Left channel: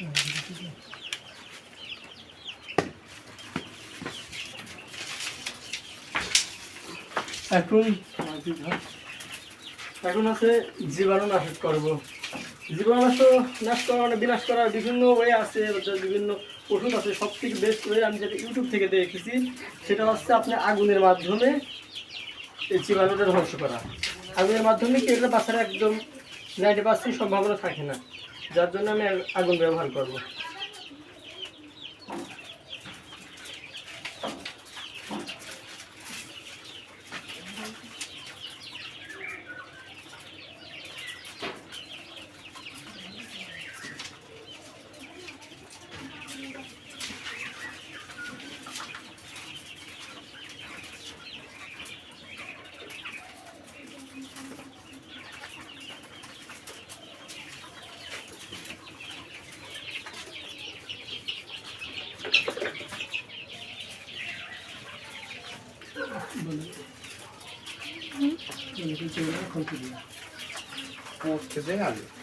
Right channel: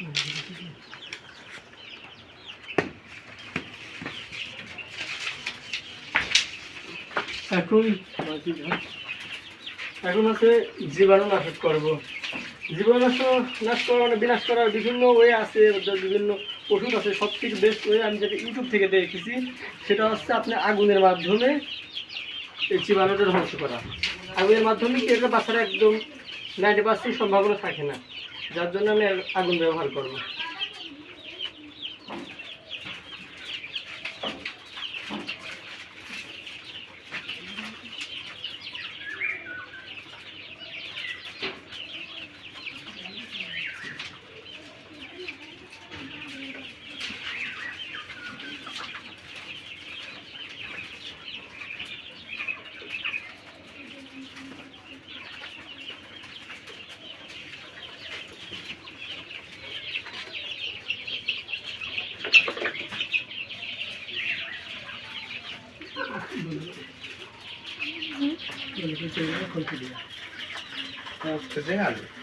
এখন আছে জীবাণু নাশ করব। জীবাণু নাশ করা মানে বিনাশ করার বিভিন্ন ওয়ে আছে, বিভিন্ন ওষুধ আছে। সবথেকে বেস্ট ওয়ে আমি যেটা ইউটিউব থেকে দেখেছি সেটা হচ্ছে আপনি আগুনের মাধ্যমে এই জীবাণুটা ধ্বংস করা। আগুনের মাধ্যমে কি এটা বাচ্চারা একদম 90% সম্ভাবনা থাকে না, যার জন্য আমি আগুন ব্যবহার করব। Posto de algo.